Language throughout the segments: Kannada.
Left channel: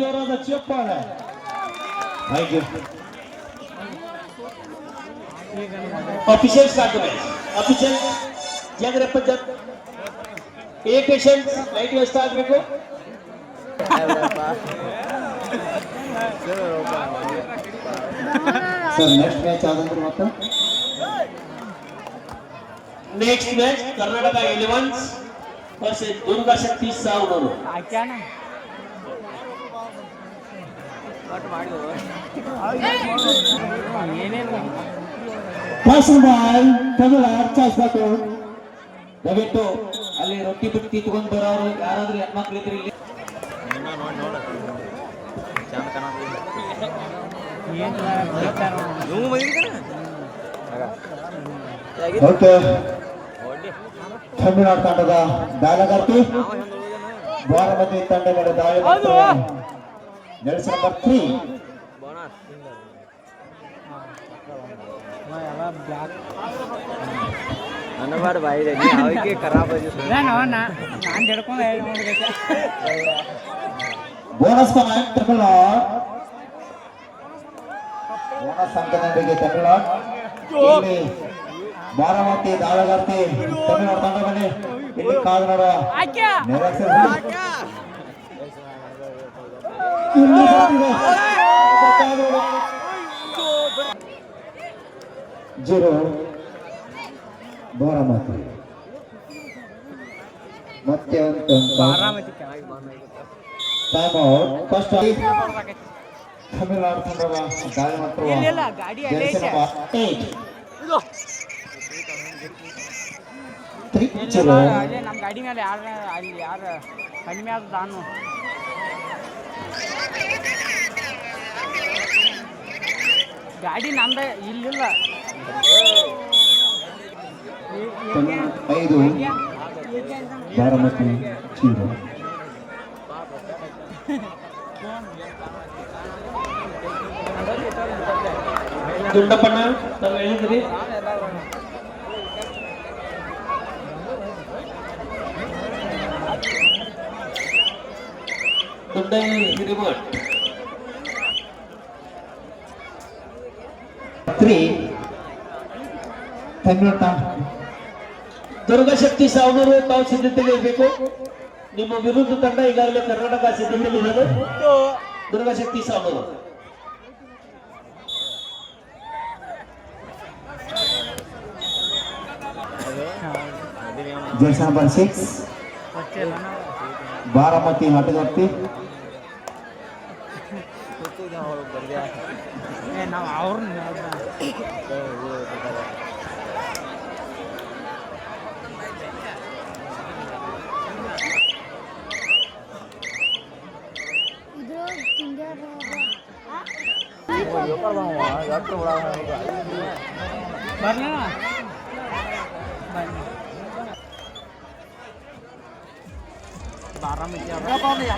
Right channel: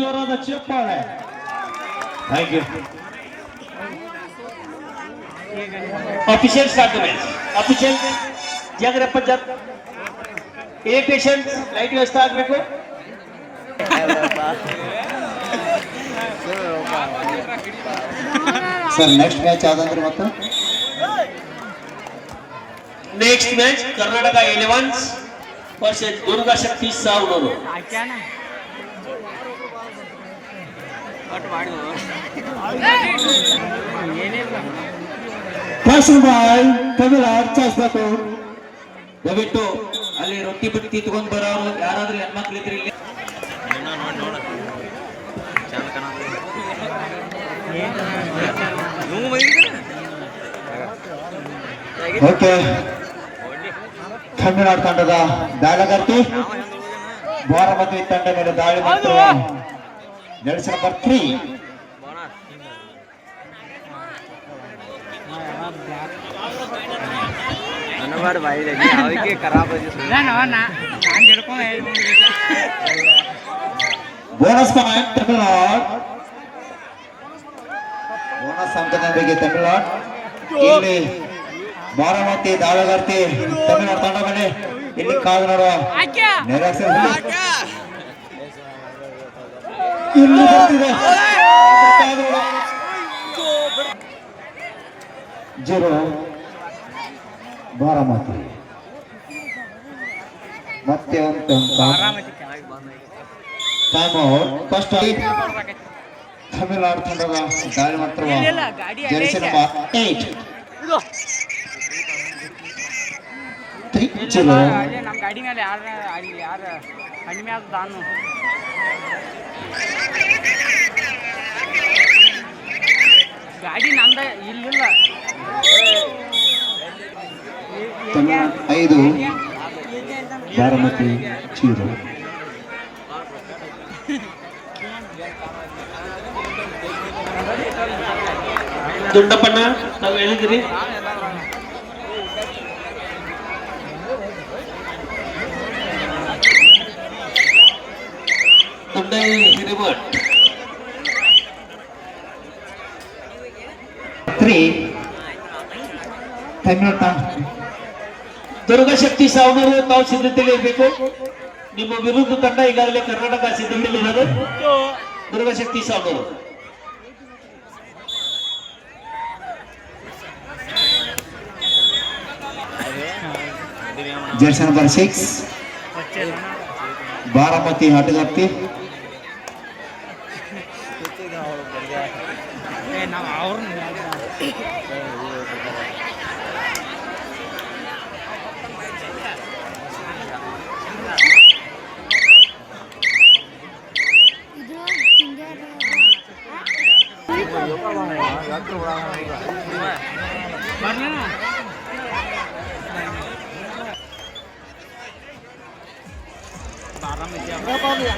ಮಚ್ ಒಂದು ಜೋರಾದ ಚಪ್ಪಾಳೆ thank you official start the match official ಜಾಗ್ರಪ್ಪ jog A patient light ವ್ಯವಸ್ಥೆ ಆಗಬೇಕು ಸರ್ ನೆಕ್ಸ್ಟ್ ಮ್ಯಾಚ್ ಯಾವ್ದಂದ್ರೆ ಮತ್ತೆ next match Karnataka elevens versus Durga Shakti Savanur fashion ಬಾಯ್ ಕನ್ನಡ ಅರ್ಚಾಯಿಸ್ಬೇಕು ದಯವಿಟ್ಟು ಅಲ್ಲಿ ರೊಟ್ಟಿ ಬಿಟ್ಟು ತಗೊಂಡ್ ಬರೋರು ಯಾರಾದ್ರೂ ಹೆಣ್ಮಕ್ಳು ಇದ್ರೆ ಇಲ್ಲಿ. ಓಕೆ. ತಮಿಳುನಾಡು ತಂಡದ ದಾಳಗಾರ್ತಿ, ಬಾರಾಮತಿ ತಂಡ ಮೇಲೆ ದಾಳಿ ಜರ್ಸಿ ನಂಬರ್ ತ್ರೀ ಹನುಮಾರ್ ಬಾಯಿ ಅವಕ್ಕೆ ಖರಾಬ್ ನಾನು ಹಿಡ್ಕೊಂಡು ನೋಡ್ಬೇಕು ಬೋನಸ್ ಪಾಯಿಂಟ್ ತಮಿಳುನಾಡು ಬೋನಸ್ ಅಂಕದೊಂದಿಗೆ ತಮಿಳುನಾಡು ಇಲ್ಲಿ ಬಾರಾಮತಿ ದಾಳಗಾರ್ತಿ ತಮಿಳುನಾಡು ತಂಡ ಮೇಲೆ ಇಲ್ಲಿ ಕಾದು ನೋಡುವ ನಿರಾಸೆ ಹುಲಿ. ಇಲ್ಲಿ ನೋಡುವ. ಜೀರೋ ಬಾರಾಮತಿ. ಮತ್ತೆ ಟೈಮ್ ಔಟ್ ಫಸ್ಟ್ ತಮಿಳುನಾಡು ತಂಡದ ದಾಳಿ ಮಾಡ್ತಿರುವ jersey number eight three picture ಅದೇ ನಮ್ಮ ಗಾಡಿ ಮೇಲೆ ಯಾರು ಅಲ್ಲಿ ಯಾರು ಕಡಿಮೆ ಆದ ನಾನು ಗಾಡಿ ನಂದ ಇಲ್ಲಿಲ್ಲ. ಐದು ಬಾರಾಮತಿ ಜೀರೋ ದೊಡ್ಡಪ್ಪಣ್ಣ ತಾವು ಹೇಳಿದ್ರಿ? ದುಡ್ಡ ಹಿರಿಮಠ್ ತ್ರೀ ತಮಿಳು ತಂಡ ದುರ್ಗಶಕ್ತಿ ಸಾವನೂರು ತಾವು ಸಿದ್ಧತೆಯಲ್ಲಿ ಇರಬೇಕು. ನಿಮ್ಮ ವಿರುದ್ಧ ತಂಡ ಈಗಾಗಲೇ ಕರ್ನಾಟಕ ಸಿದ್ಧತೆಯಲ್ಲಿ ಇರೋದು. Durgashakti Savanur. Jersey number six Baramati ಹಟಗತ್ತಿ ನಾವು ಅವ್ರನ್ನ ಇದು ತಿಂಗಾರ ಬರ್ಲಾ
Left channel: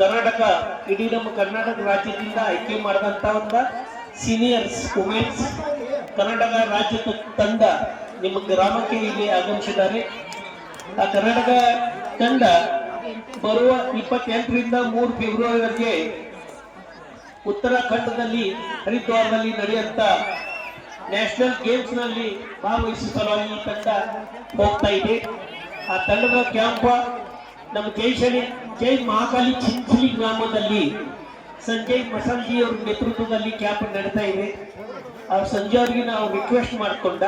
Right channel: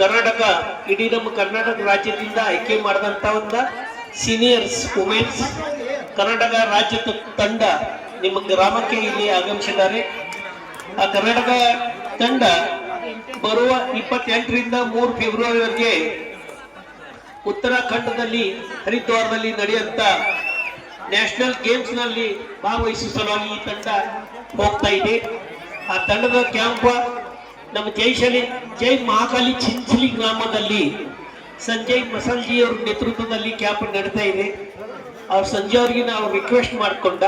ಕರ್ನಾಟಕ, ಇಡೀ ನಮ್ಮ ಕರ್ನಾಟಕ ರಾಜ್ಯದಿಂದ ಆಯ್ಕೆ ಮಾಡಿದಂತ ಒಂದು ಸೀನಿಯರ್ಸ್ ವುಮೆನ್ಸ್ ಕರ್ನಾಟಕ ರಾಜ್ಯದ ತಂಡ ನಿಮ್ಮ ಗ್ರಾಮಕ್ಕೆ ಇಲ್ಲಿ ಆಗಮಿಸಿದ್ದಾರೆ. ಆ ಕರ್ನಾಟಕ ತಂಡ ಬರುವ ಇಪ್ಪತ್ತೆಂಟರಿಂದ ಮೂರು ಫೆಬ್ರವರಿವರೆಗೆ ಉತ್ತರಾಖಂಡದಲ್ಲಿ, ಹರಿದ್ವಾರದಲ್ಲಿ ನಡೆಯುವಂತ ನ್ಯಾಷನಲ್ ಗೇಮ್ಸ್ನಲ್ಲಿ ಭಾಗವಹಿಸುವ ಸಲುವಾಗಿ ಈ ತಂಡ ಹೋಗ್ತಾ ಇದೆ. ಆ ತಂಡದ ಕ್ಯಾಂಪ್ ನಮ್ಮ ಜೈಶಲಿ ಜೈ ಮಹಾಕಾಲಿ ಚಿಂಚಲಿ ಗ್ರಾಮದಲ್ಲಿ ಸಂಜಯ್ ಮಸಲ್ಜಿ ಅವರ ನೇತೃತ್ವದಲ್ಲಿ ಕ್ಯಾಂಪ್ ನಡೀತಾ ಇದೆ. ಅವ್ರ ಸಂಜೆ ಅವರಿಗೆ ನಾವು ರಿಕ್ವೆಸ್ಟ್ ಮಾಡಿಕೊಂಡ,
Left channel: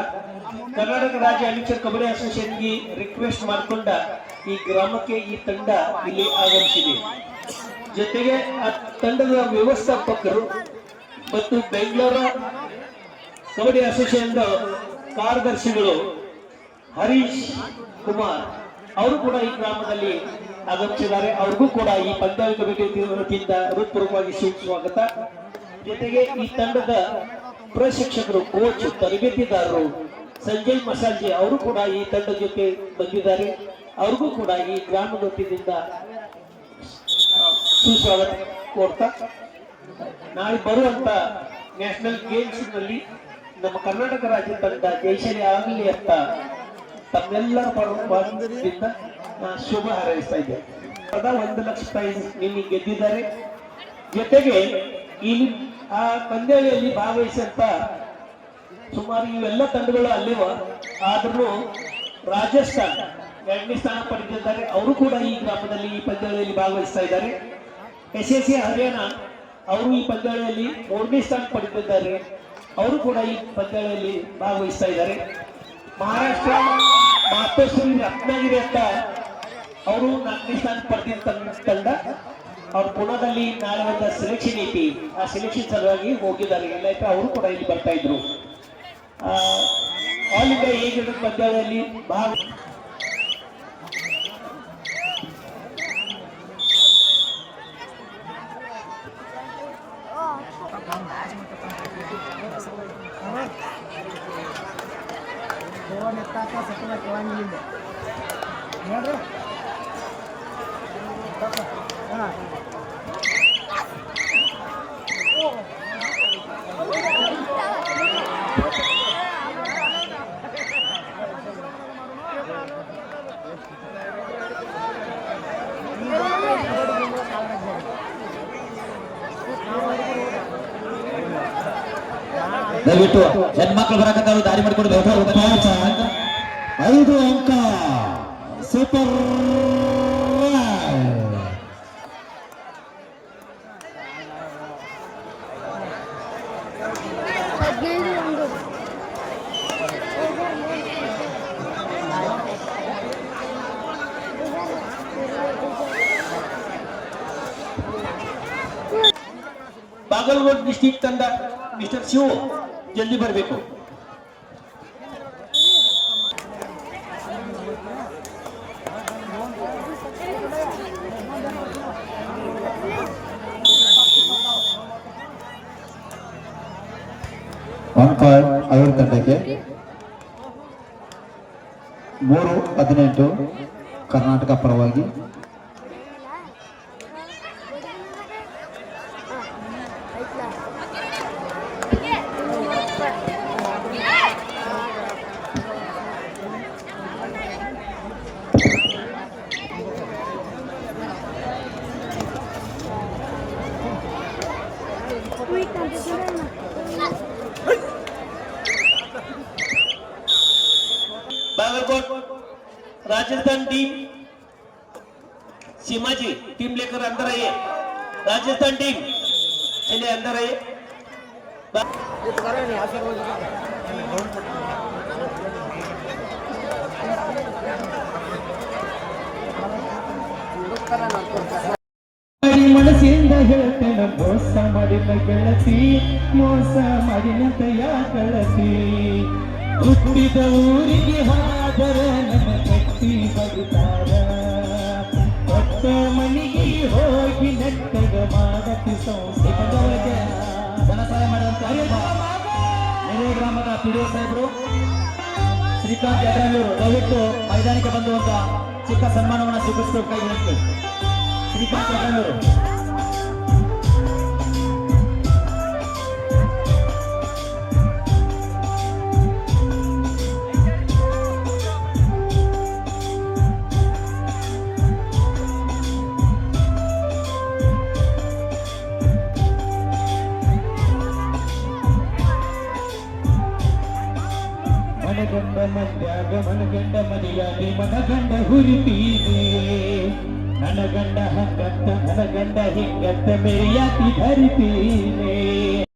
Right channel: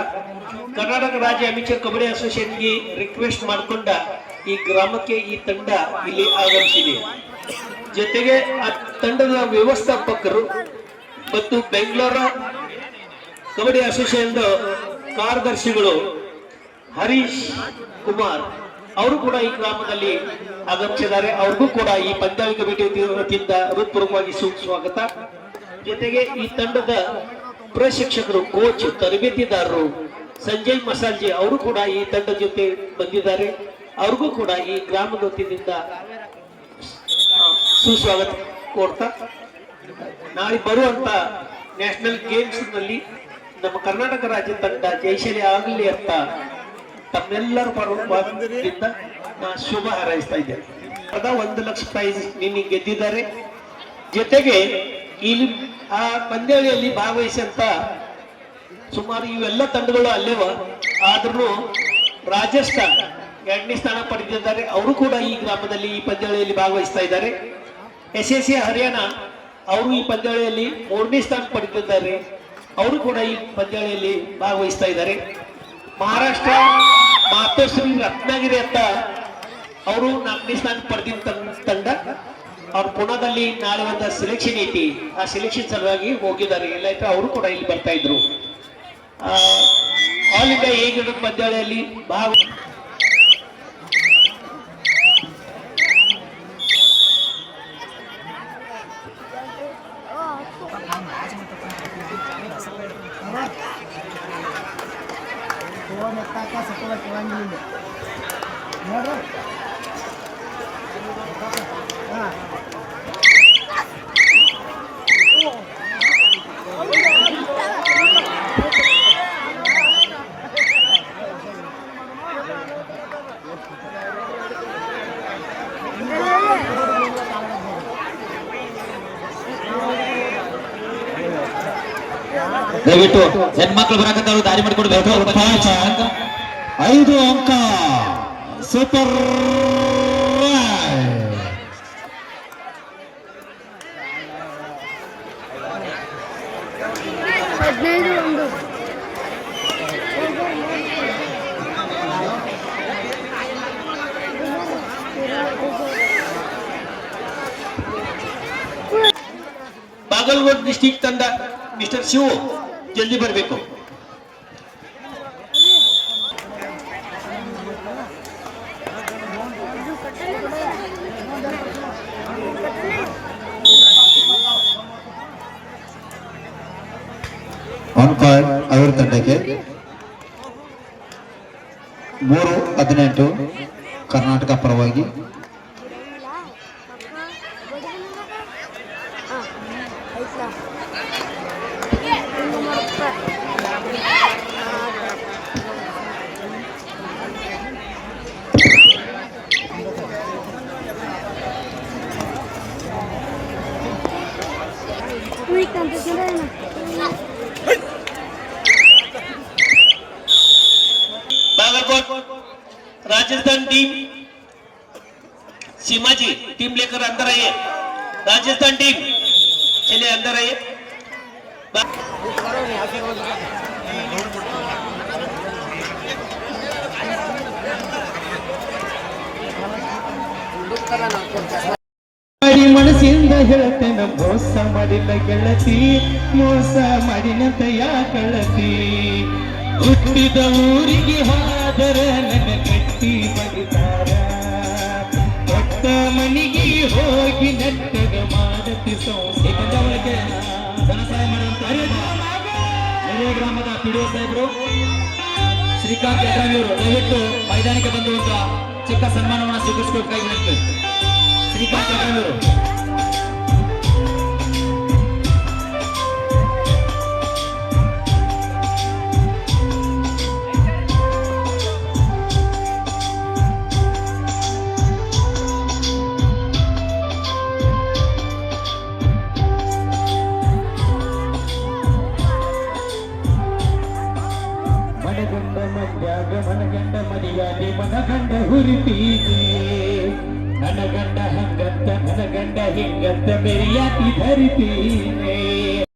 ಕರ್ನಾಟಕ ರಾಜ್ಯ ಅಮಿಚರ್ ಕಬಡ್ಡಿ ಅಸೋಸಿಯೇಷನ್ಗೆ ರಿಕ್ವೆಸ್ಟ್ ಮಾಡಿಕೊಂಡ ಈ ಗ್ರಾಮಕ್ಕೆ ಈ ತಂಡ ಇಲ್ಲಿ ಆಗಮಿಸಿದೆ. ಜೊತೆಗೆ ಆ ತಂಡದ ವ್ಯವಸ್ಥಾಪಕರು ಮತ್ತು ಬೆಂಗಳೂರು ಕಬಡ್ಡಿ ಅಸೋಸಿಯೇಷನ್ ಕಾರ್ಯದರ್ಶಿಗಳು ಹರೀಶ್ ಕುಮಾರ್ ಅವರು ಕೂಡ ಈ ಗ್ರಾಮದಲ್ಲಿ ಆಗಮಿಸಿದ್ದಾರೆ. ಅವ್ರಿಗೂ ಕೂಡ ಈ ಪಂಚಾಯತ್ ಕಮಿಟಿ ವತಿಯಿಂದ ಹೃತ್ಪೂರ್ವಕವಾಗಿ ಸ್ವಾಗತ ಜೊತೆಗೆ ಈ ತಂಡದ ಪ್ರಶಿಕ್ಷಕರು ಕೋಚ್ ತರಬೇತಿದಾರರು ಸಂಜಯ್ ಮಸಾಲ್ಜಿ ಅವರು ಕೂಡ ಈ ತಂಡದ ಜೊತೆ ಬಂದಿದ್ದಾರೆ. ಅವ್ರಿಗೂ ಕೂಡ ಈ ಗ್ರಾಮದ ವತಿಯಿಂದ ಸುಸ್ವಾಗತ ಕೊಡ್ತಾ ನಾಳೆ ಬರುವಂತ ನ್ಯಾಷನಲ್ ಗೇಮ್ಸ್ನಲ್ಲಿ ನಮ್ಮ ಕರ್ನಾಟಕ ರಾಜ್ಯ ತಂಡ ಜಯಶಾಲಿ ಆಗಲಿ ಅಂತ ತಮ್ಮೆಲ್ಲರ ನಾ ಶುಭ ಹಾರೈಸ್ತಾ ಇದ್ದೇನೆ ಅದ ಒಂದು ಲಕ್ಷ ಪ್ರೈಸ್ ನಿನ್ನೆ ಗೆದ್ದಿದ್ದಾರೆ. ಜೊತೆಗೆ ಇಲ್ಲಿ ಆ ಪಂದ್ಯಾವಳಿಯಲ್ಲಿ ಭಾಗವಹಿಸಂತ ಸುಮಾರು ಇವೆಲ್ಲ ತಂಡಗಳು ಅಲ್ಲೇವ? ಆದ್ರೂ ರಾಜಸ್ಥಾನ ಎರಡನೇ ಸ್ಥಾನ ಪಡೆದಿದ್ದಾರೆ. ಅವರು ಕೂಡ ಈ ಗ್ರಾಮದಲ್ಲಿ ಈ ಪಂದ್ಯಾವಳಿಯಲ್ಲಿ ಭಾಗವಹಿಸ್ತಾ ಇದ್ದಾರೆ. ಎಸ್ ಎಸ್ ಸಿ ಹರಿಯಾಣ ಅವರು ಈ ಪಂದ್ಯಾವಳಿಯಲ್ಲಿ ಮೂರನೇ ಸ್ಥಾನ ಪಡೆದಿದ್ದಾರೆ. ಅವರು ಕೂಡ ಈ ಪಂದ್ಯಾವಳಿಯಲ್ಲಿ ಭಾಗವಹಿಸ್ತಾ ಇದ್ದಾರೆ. ಮಹಾರಾಷ್ಟ್ರ ಮಾತೋಶ್ರೀ ರತ್ನಗಿರಿ ಅಂತ ಅವರು ನಾಲ್ಕನೇ ಸ್ಥಾನ ಪಡೆದಿದ್ದ ತಂಡ. ಅವ್ರು ಪುಣದಲ್ಲಿ ನಾಳೆ ಒಂದು ಸೆಲೆಕ್ಷನ್ ಐತಿ. ಆ ಸೆಲೆಕ್ಷನ್ ಸಲುವಾಗಿ ಹೋಗಿದ್ದಾರೆ. ಇಲ್ಲಾಯ್ತು ಅವರು ಕೂಡ ಇಲ್ಲಿ ಬರ್ತಾ ಇದ್ರು. ಆಲ್ ಇಂಡಿಯಾ ಏಕದಿನ ಪಂದ್ಯಾವಳಿಯಲ್ಲಿ ಭಾಗ ದಯವಿಟ್ಟು ಹೆಣ್ಮಕ್ಳು ಬರಕತ್ತಾರು ದಾರಿ ಮಾಡಿಕೊಡ್ಬೇಕು ಐದು ಅಂಕ. ಸೂಪರ್ ಹದಿನೈದು ಒಂದು ಬಾಗಲಕೋಟ್ ಡಿಸ್ಟಿಕ್ ತಂಡ ಮಿಸ್ಟರ್ ಶಿವು ಜಲ್ದಿ ಬರಬೇಕು. ಅಂಕ ಅವರ ತಂಡಕ್ಕೆ. ಮೂರು ಹದಿನೆಂಟು ಕರ್ನಾಟಕ ಪರವಾಗಿ राजस्थान टीम सीमा जी टीम लेकर अंदर आइए राजस्थान टीम चलिए अंदर आइए बा- ಮಾಡಿ ಮನಸ್ಸಿಂದ ಹೇಳ್ತೇನೆ ಮೋಸ ಮಾಡಿಲ್ಲ ಗೆಳತಿ ಮೋಸ ಮಾಡಿನಂತ ಯಾ ಗೆಳತಿ ಹುಟ್ಟಿದ ಊರಿಗೆ ಹಾದರ ನನ್ನ ಕಟ್ಟಿ ಬಡಿತಾರ ಕೊಟ್ಟ ಮನೆಗೆ ಹೋಗಿ ನಟ್ಟದ ಮಾಡತಿ ಸಂಸ್ಥೆ ಧನ ಸಹಾಯ ಮಾಡುವಂತ ಗ್ರಾಮದ ಪಿಡಿಒ ಸಾಹೇಬರು, ಶ್ರೀಕಾಂತ್ ಯಡ್ರಾವಿಯವರು ದಯವಿಟ್ಟು ಮೈದಾನಕ್ಕೆ ಬಂದುವಂತ ಚಿಕ್ಕ ಸನ್ಮಾನವನ್ನು ಸ್ವೀಕರಿಸಬೇಕಾಗಿ ಶ್ರೀಕಾಂತ್ ಯಡ್ರಾವಿಯವರು ಮನೆಯಾಗಿ ಮನಗಂಡ ಹುರಿತೀರಿ ನನಗಂಡ ಹಂಗಂತ ಮನಗಂಡ ಹಿಂಗಂತ ಮೆರಿಯಾತಿ ಧರಿತೀನಿ.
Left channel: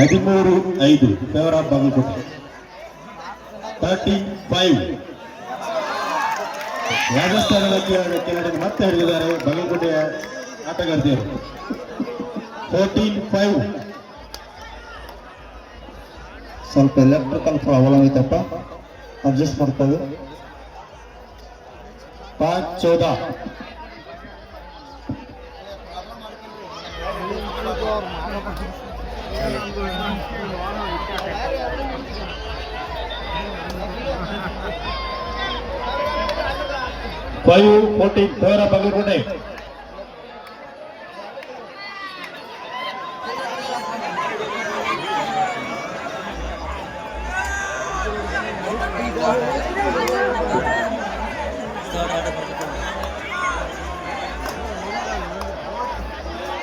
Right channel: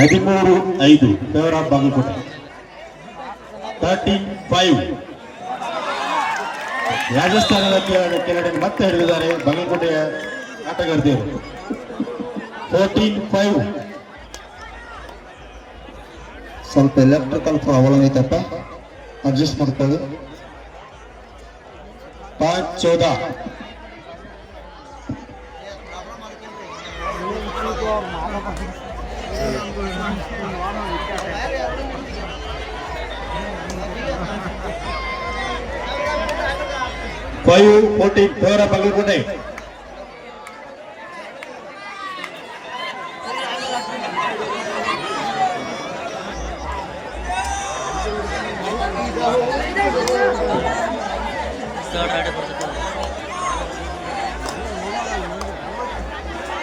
ಹದಿಮೂರು ಐದು. ಆಫ್ ಬಾಗಲಕೋಟೆ ತರ್ಟಿ ಫೈವ್ ರಾಜಸ್ಥಾನದ ಕೆಳ- ಕೆಳಗಡೆ ಮತ್ತೆ ಹಿಡಿದಿದ್ದಾರೆ ಬಾಗಲಕೋಟೆಯ ಆಟಗಾರ್ತಿಯರು ಫೋರ್ಟೀನ್ ಫೈವ್ ಸ್ವಲ್ಪ ಎಲೆಕ್ಟ್ರಿಕಲ್ ಪ್ರಾಬ್ಲಮ್ ಐತಪ್ಪ ಅಡ್ಜಸ್ಟ್ ಮಾಡ್ಕೊಳ್ಳಿ. ಪಾಂಚ್ ಚೌದ. Five fourteen favour of Bagalkote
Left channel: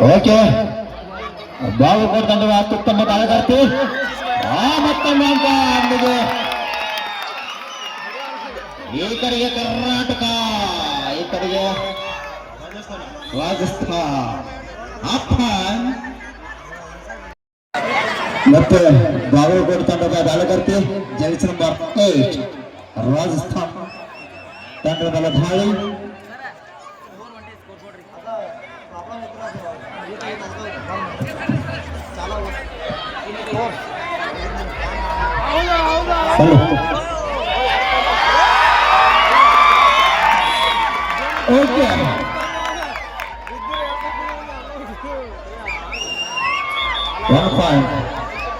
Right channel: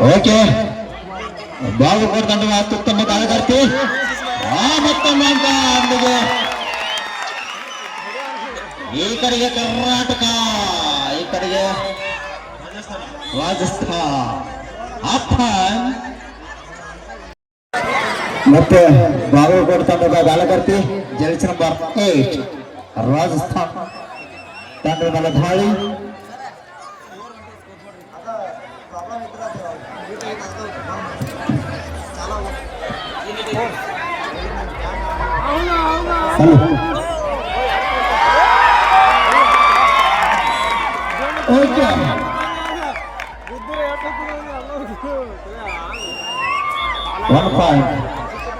okay. Bagalkote ತಂಡದ ಅತ್ಯುತ್ತಮ ಆಟಗಾರ್ತಿ ಆ ಮತ್ತೊಮ್ಮೆ ಅಂತ ಅಂದಿಗೆ ಏಕರಿಗೆ ಕರ್ನಾಟಕ ರಾಜಸ್ಥಾನ್ ಆಫ್ಘಾನ್ ಮತ್ತೆ ಬಾಗಲಕೋಟೆ ತಂಡದ ದಾಳಕರ್ತಿ ಜಲ್ಸ್ ನಂಬರ್ ಏಟ್ ರಾಜಸ್ಥಾನ್ ತಂಡದ ಮೇಲೆ ದಾಳಿ. ಹಲೋ. ಓಕೆ. ಒನ್ ಪಾಯಿಂಟ್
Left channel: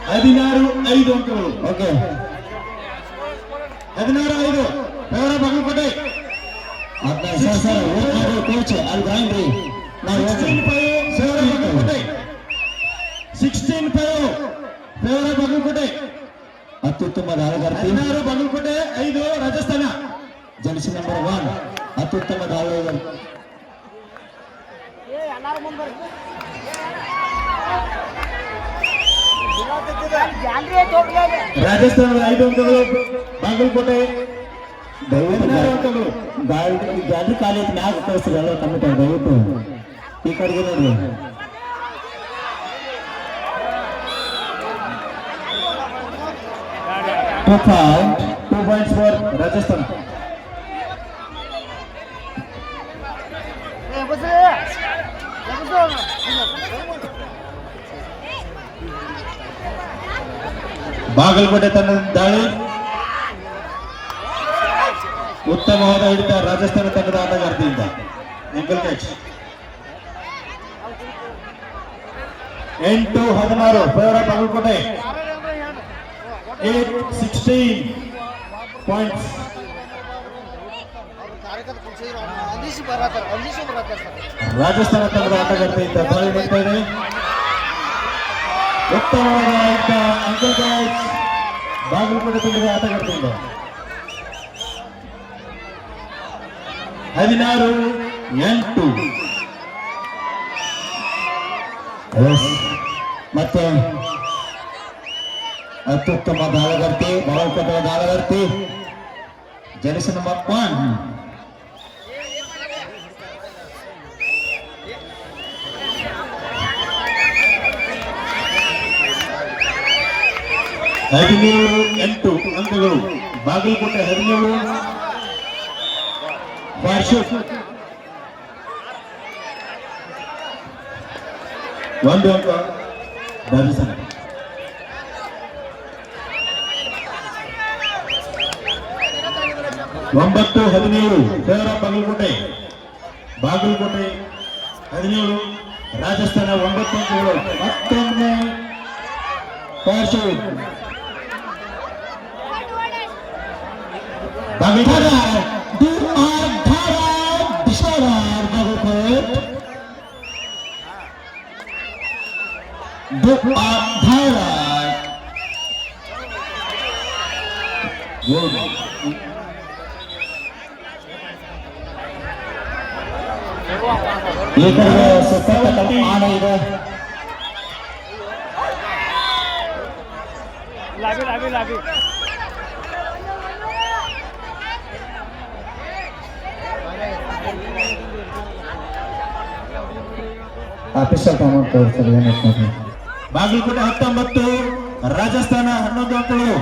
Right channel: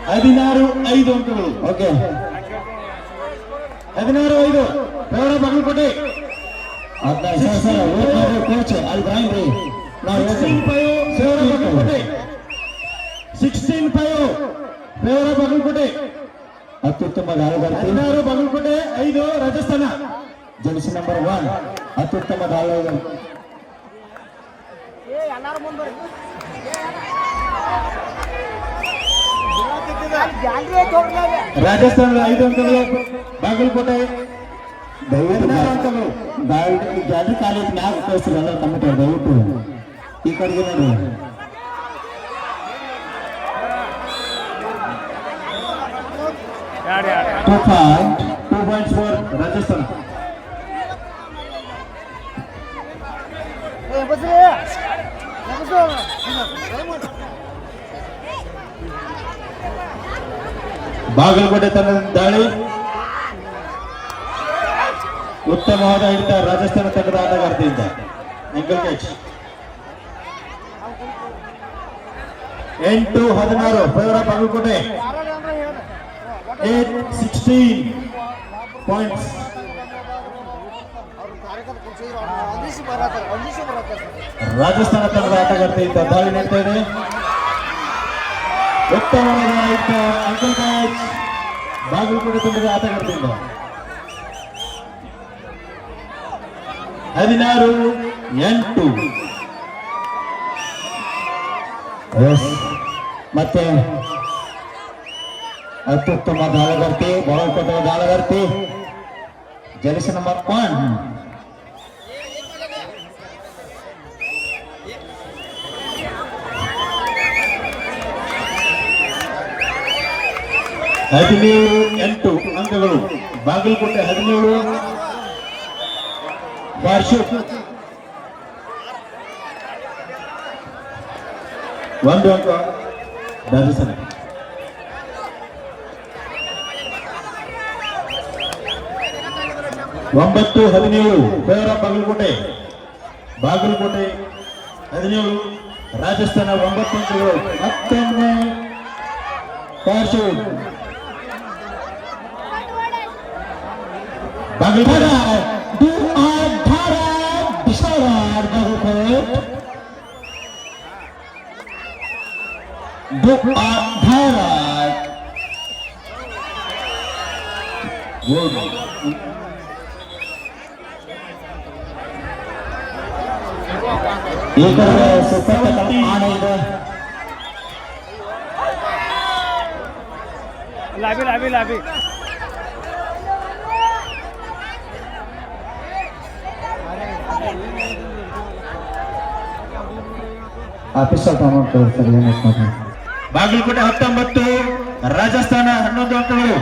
ಹದಿನಾರು ಐದು ಅಂಕಗಳು ಓಕೆ ಹದಿನಾರು ಐದು favour of Bagalkote sir sir ಓದ್ತಾರೆ ಕೋಚ್ ಅಲ್ಲಿ ಗ್ರೈಂಡ್ ರೀ ನಾವು sixteen five favour of Bagalkote sixteen five favour of Bagalkote ಅತ್ಯುತ್ತಮ ದಾಳಗಾರ್ತಿ ಹದಿನಾರು ಬಾಗಲಕೋಟೆ ಐದು ರಾಜಸ್ಥಾನ ಜರ್ಸಿ ನಂಬರ್ ಒನ್ ಅತ್ಯುತ್ತಮ ದಾಳಗಾರ ರಾಜಸ್ಥಾನದ ಐದು ಅಂಕಗಳು ಬಾಗಲಕೋಟೆ ದಯವಿಟ್ಟು ಹದಿನಾರು ಅಂಕಗಳು ಗಾಡಿ ಗಾಡಿ ಖಾಲಿ ಮ್ಯಾಗ ಕಳಿಸ್ರಿ ಎಲ್ಲ ಕಮಿಟಿ ದಯವಿಟ್ಟು ಈ ಕಡೆಗೆ ನೋಡ್ರಿ ಟೂ ಪಾಯಿಂಟ್ ಬಾಗಲಕೋಟೆ ತಂಡದ ದಾಳಿ. ಉತ್ತಮವಾದ ಹಿಡಿತ ರಾಜಸ್ಥಾನ ತಂಡದ ಆಟಗಾರ್ತಿಯಿಂದ. ಎಂಕಲ್ ಕ್ಯಾಚ್ ಎಂಟು ಹದಿನಾರು favour Bagalkote. Eight sixteen points Rajasthan ತಂಡದ ಆಟಗಾರ್ತಿಯಿಂದ ದಾಳಿ ನಡೀತಾ ಇದೆ. ಕ್ಯಾಚ್ ಬಾಗಲಕೋಟೆ ತಂಡದ ಆಟಗಾರ್ತಿಯಿಂದ ಹದಿನಾರು ಎಂಟು. ಮತ್ತೆ ಅತ್ಯುತ್ತಮ ದಾಳಗಾರ್ತಿ ಬರೋ ದಾಳಗಾರ್ತಿ ಜರ್ಸಿ ನಂಬರ್ ಒನ್ ಹದಿನೇಳು, ಎಂಟು ಅಂಕಗಳು. ಬಾಗಲಕೋಟೆ ಹದಿನೇಳು. ವಾರ್ಷಿಕ ಒಂದು ಅಂಕ ದರ್ಶನ ಒಂಬತ್ತು, ಹದಿನೇಳು. ಕೋರ ಬಾಗಲಕೋಟೆ. ಬಾಗಲಕೋಟೆ ಹದಿನೇಳು. ರಾಜಸ್ಥಾನ ಒಂಬತ್ತು ಅಂಕಗಳು. ಮತ್ತೊಮ್ಮೆ ವಾರ್ಷಿಕ್ ಬಾಗಲಕೋಟೆ ಈ ಕಡೆ ಸತತ ಹಣ ಇದೆ ಬಾಗಲಕೋಟೆ ಹತ್ತೊಂಬತ್ತು, ರಾಜಸ್ಥಾನ ಹನ್ನೊಂದು ಅಂಕಗಳು.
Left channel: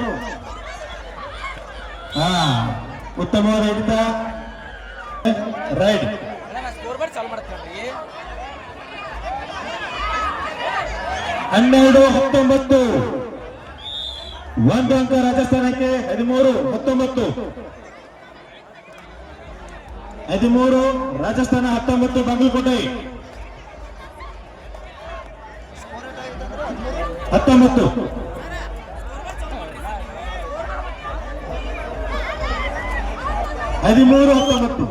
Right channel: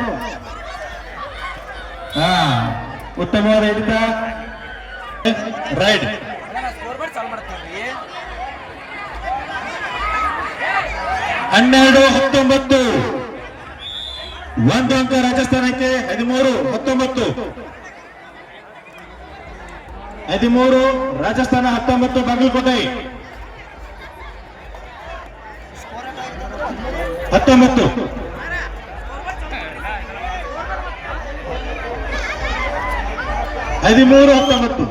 ಹಾ ಉತ್ತಮವಾದ ಹಿಡಿತ ರೈಡ್ ಹನ್ನೆರಡು, ಹತ್ತೊಂಬತ್ತು. ಒಂದು ಅಂಕ ರಾಜಸ್ಥಾನಕ್ಕೆ, ಹದಿಮೂರು, ಹತ್ತೊಂಬತ್ತು. ಹದಿಮೂರು, ರಾಜಸ್ಥಾನ, ಹತ್ತೊಂಬತ್ತು, ಬಾಗಲಕೋಟೆ. ಹತ್ತೊಂಬತ್ತು ಹದಿಮೂರು ಹತ್ತೊಂಬತ್ತು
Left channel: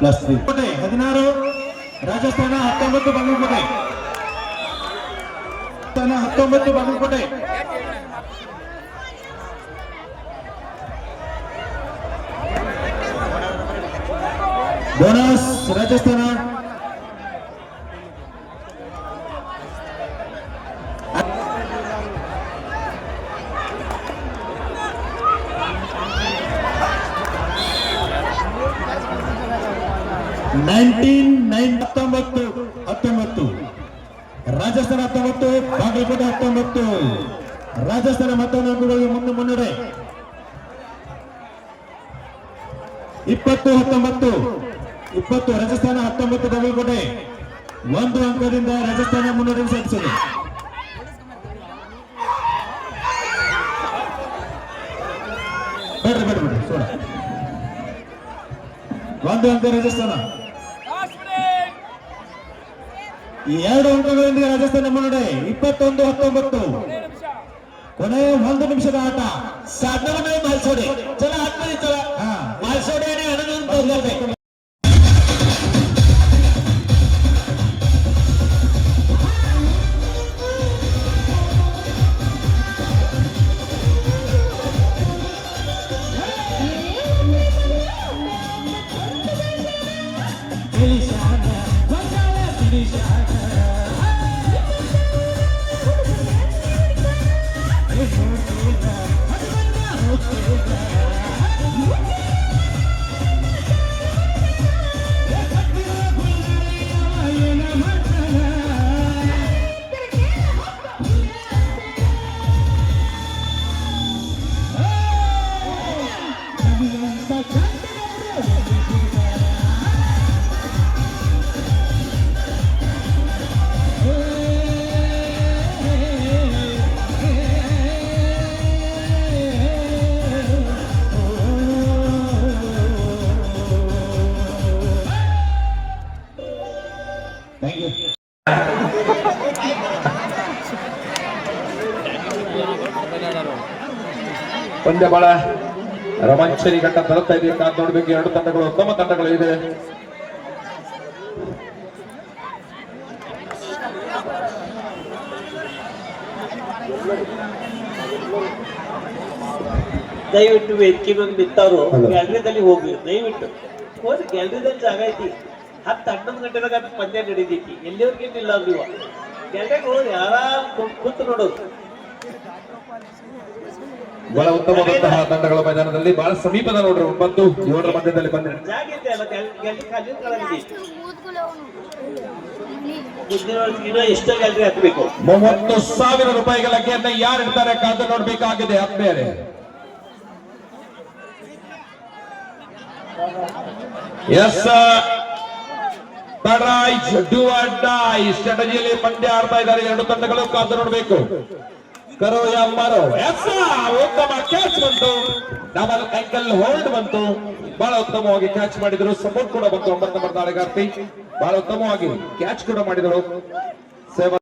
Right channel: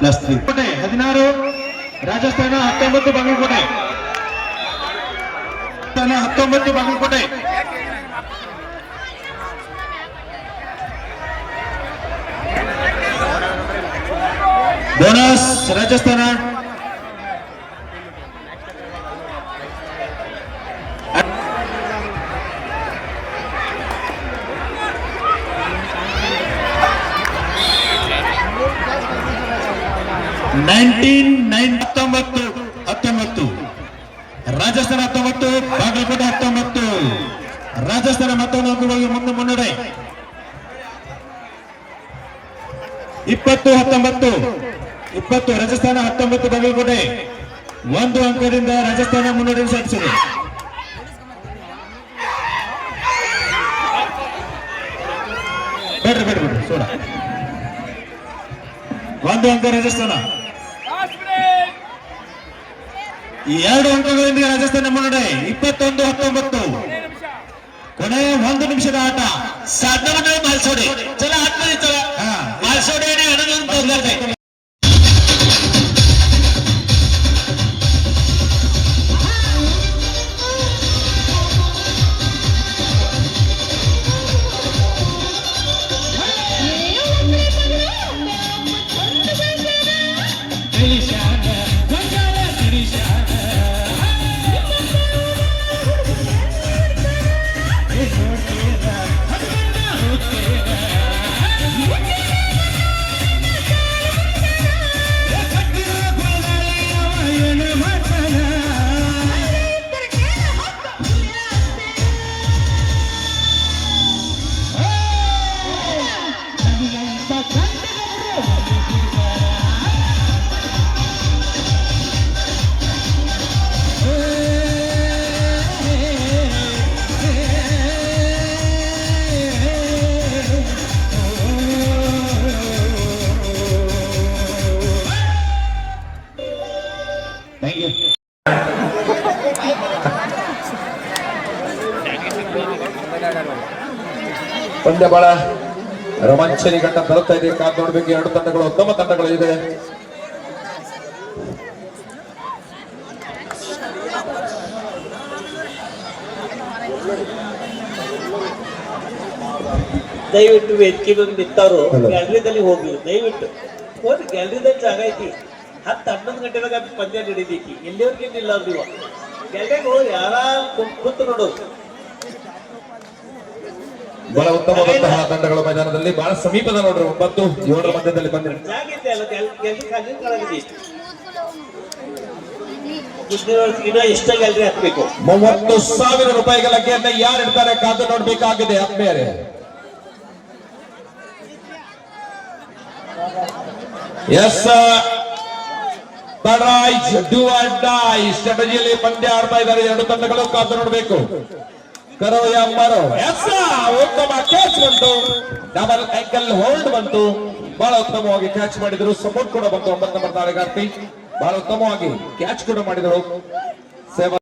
ಪ್ಲಸ್ ತ್ರೀ ಹದಿನಾರು ರಾಜಸ್ಥಾನ ಹತ್ತೊಂಬತ್ತು ಬಾಗಲಕೋಟೆ ರಾಜಸ್ಥಾನ ಹತ್ತೊಂಬತ್ತು ಬಾಗಲಕೋಟೆ ರಾಜಸ್ಥಾನ ನೈನ್ಟೀನ್ ನೈನ್ ಹತ್ತೊಂಬತ್ತು ಹತ್ತೊಂಬತ್ತು. ರಾಜಸ್ಥಾನ ಹತ್ತೊಂಬತ್ತು ಬಾಗಲಕೋಟೆ ಹತ್ತೊಂಬತ್ತು. ರಾಜಸ್ಥಾನ ಮತ್ತೊಂದು ಮುಂದೆ ಮುನ್ನಡೆ. ಇಪ್ಪತ್ತು, ಹತ್ತೊಂಬತ್ತು. ಇಪ್ಪತ್ತು ರಾಜಸ್ಥಾನ ಹತ್ತೊಂಬತ್ತು ಬಾಗಲಕೋಟೆ ಒಂದು ಅಂಕದಿಂದ ರಾಜಸ್ಥಾನ ಮುನ್ನಡೆ ಸಾಧಿಸಿದೆ. ಬೇಡ್ರಿ ಬೇಡ್ರಿ ಬೇಡ್ರಿ ಸೋಡ. ಒಂದು ಅಂಕ ರಾಜಸ್ಥಾನ. ಎರಡು ಅಂಕಗಳಿಂದ ರಾಜಸ್ಥಾನ ಮುನ್ನಡೆ. ಇಪ್ಪತ್ತೊಂದು, ಹತ್ತೊಂಬತ್ತು. ಕೊನೆ ಒಂದು ನಿಮಿಷದ ಆಟ. ಸಾಧನೆ ಮಾಲ್ಸೋಡೆ ಚಲ ಆತ್ಮದಿ ಚಲ ಪಂದ್ಯ ಬಹಳ ರೋಮಾಂಚರಿ ಗಂಟ ತರುತ್ತಾ ಇದೆ. ಕಾದ್ ನೋಡ್ಬೇಕು ಎರಡು ತಂಡಗಳು ಉತ್ತಮ ತಂಡಗಳು ಇದೆ ದಯವಿಟ್ಟು ವೇದಿಕೆ ನಿಂತವರು ಗ್ಯಾಲರಿದಲ್ಲಿ ಹೋಗಿ ದಯವಿಟ್ಟು ಹೋಗಿ ಗ್ಯಾಲರಿದಲ್ಲಿ ಜಾಗ ಐತಿ. ಹತ್ತು ಹನ್ನೊಂದು ಗಂಟೆದಾಗ ಪಂದ್ಯ ನಡೀತೈತಿ. ಎಲ್ಲಿವರೆಗೆ ನಿಲ್ಲ ನೀವು. ಗ್ಯಾಲರಿಗೆ ಹೋಗಿ ಆರಾಮ್ ಕುಂತು ನೋಡೋದು. ಬಹಳ ಉತ್ತಮವಾದಂತಹ ತಂಡಗಳ ಮೈದಾನದಲ್ಲಿ ಬಹಳ ಸಮೀಪದ ನೋಡ್ರಿ ಒಂಬತ್ತು ಏಳರ ಮಧ್ಯದಲ್ಲಿ ಬಂದ್ರೆ. ಮೂವತ್ತು ಸಾವಿರ ರೂಪಾಯಿಗಳ ಲಗ್ಗೆಯನ್ನ ಯಾರು ಇಡ್ತಾರೆ ಕಾದು ನೋಡ್ಬೇಕಾಗಿದೆ ಆತ್ಮೀಯರೇ. ಎಸ್ ಡೂ ಆರ್ ಡೈ ಸ್ಟ್ರಾಟಜಿಯಲ್ಲಿ ಪಂದ್ಯ ಆಡ್ತಾ ಇದ್ದಾರೆ ಎರಡು ತಂಡಗಳು ಕಾದು ನೋಡಬೇಕು. ಕರೋ ಯಾ ಮಾರೋ ಎಸ್ ಉತ್ತಮ ಕ್ಯಾಚ್ ಬಂತು. ಡಬಲ್ ಆಂಕಲ್ ಹೋಲ್ಡ್ ಬಂತು. ಬಹಳ ಉತ್ತಮವಾಗಿ ಕ್ಯಾಚ್ ಮಾಡಿದ್ರು. ಸಪೋರ್ಟ್ ಕೂಡ ಬಂತು. ಒಂಬತ್ತು ನಂಬರ್ ದಾಳಿಗಾರ್ತಿ ಬಹಳ ಉತ್ತಮವಾಗಿ ಕ್ಯಾಚ್ ಕೂಡ ಮಾಡಿದರು. ಸೇವಾ